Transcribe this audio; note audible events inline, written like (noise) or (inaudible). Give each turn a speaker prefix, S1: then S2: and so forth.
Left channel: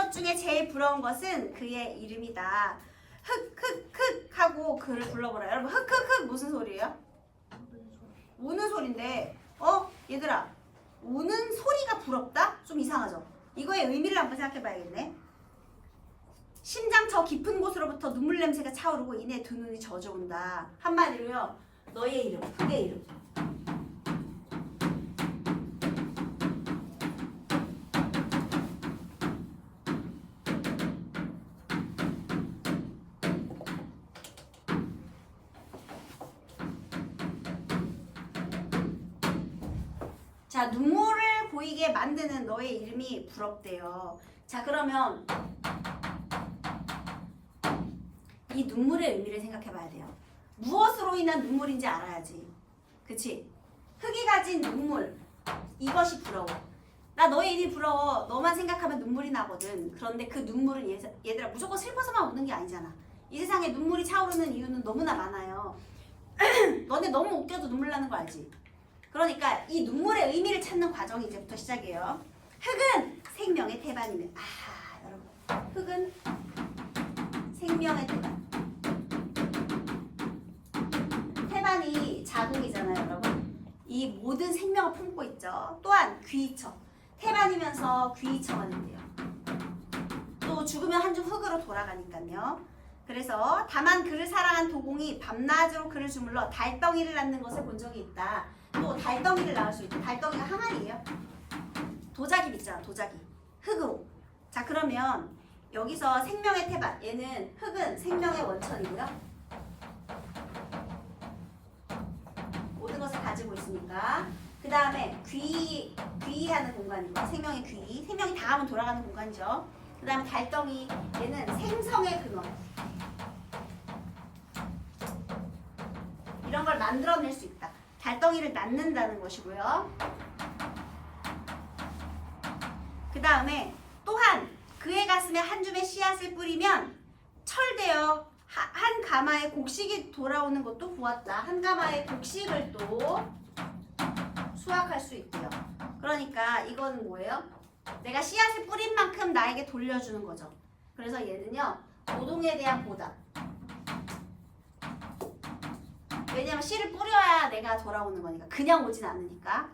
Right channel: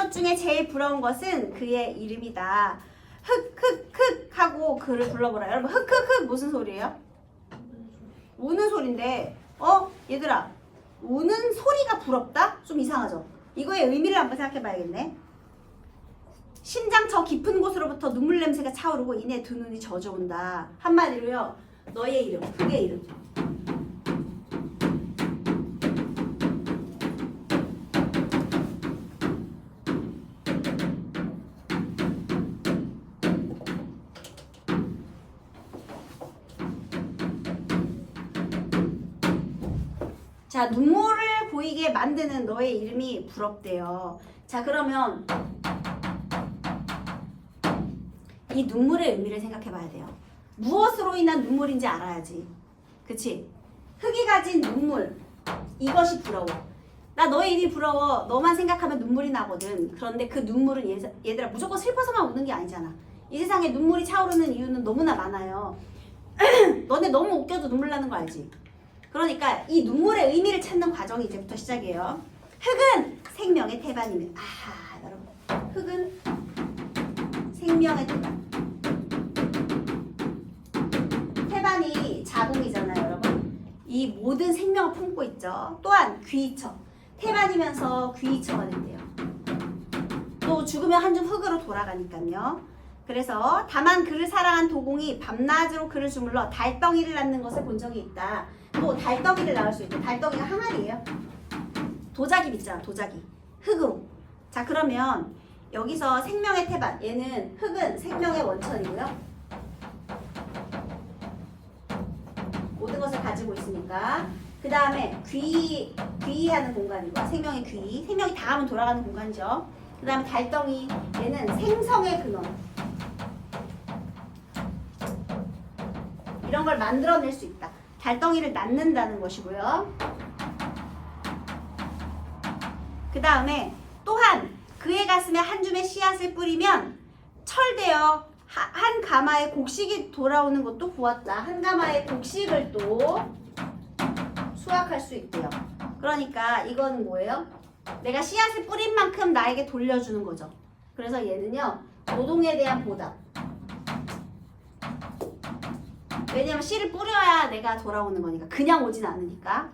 S1: 것 중에 제일 부러운 것은 그의 이름이다. 흑흑흑 하고 그를 불러보라. 여러분 흑흑흑 무슨 소리예요? 우는 소리인데 어 얘들아 우는 소리가 부럽다? 좀 이상하죠? 이거의 의미를 한번 생각해 봐야겠네. 심장 저 깊은 곳으로부터 눈물 냄새가 차오르고 이내 두 눈이 젖어온다. 한마디로요. 너의 이름, 흑의 이름. 자, 눈물을 보이게 만드는 너의 이름이 부럽대요. 자, 그러면 이 눈물의 의미를 생각해 봐야 돼요. 무엇으로 인한 눈물인지 알아야지. 그치? 흙이 가진 눈물. 이것이 부러워. 나 너의 일이 부러워. 너만 생각하면 눈물이 나거든. 그런데 그 눈물은 얘, 얘들아 무조건 슬퍼서만 우는 게 아니잖아. 이 세상에 눈물이 차오르는 이유는 너무나 많아요. (clears throat) 너네 너무 웃겨도 눈물 나는 거 알지? 그러니까 이 눈물의 의미를 찾는 과정이 이제부터 시작이에요. 흙은 생명의 태반이네. 아, 여러분. 흙은 생명의 태반. 태반이 자궁이잖아요, 여러분. 이 모든 생명을 품고 있죠. 또한 귀처. 태반이면서 귀처가 된대요. 또 죽으면 한줌 흙으로 돌아가니까요. 그래서 다만 그를 사랑한 도공이 밤낮으로 그를 주물러 달덩이를 낳는 것을 본 적이 있다. 또 달덩이를 낳을 수 있대. 달덩이가 항아리예요. 도자기 있잖아, 도자기. 흙으로. 자, 그러면 여기서 생명의 태반. 얘는 흙은 생명의 원천이고요. 모든 것을 가지고 있으니까. 그 다음에 귀, 귀하는 공간이고, 생명의 귀. 생명이 닿으면 돌아가는 공간이죠. 그 다음에 달덩이. 얘는 생성의 근원. 이런 걸 만들어낼 수 있다. 달덩이를 낳는다는 것이고요. 그 다음에 또한 그의 가슴에 한 줌의 씨앗을 뿌리면 철되어 하- 한 가마의 곡식이 돌아오는 것도 보았다. 한 가마의 곡식을 또 수확할 수 있대요. 그러니까 이거는 뭐예요? 내가 씨앗을 뿌린 만큼 나에게 돌려주는 거죠. 그래서 얘는요, 노동에 대한 보답. 왜냐면 씨를 뿌려야 내가 돌아오는 거니까. 그냥 오진 않으니까.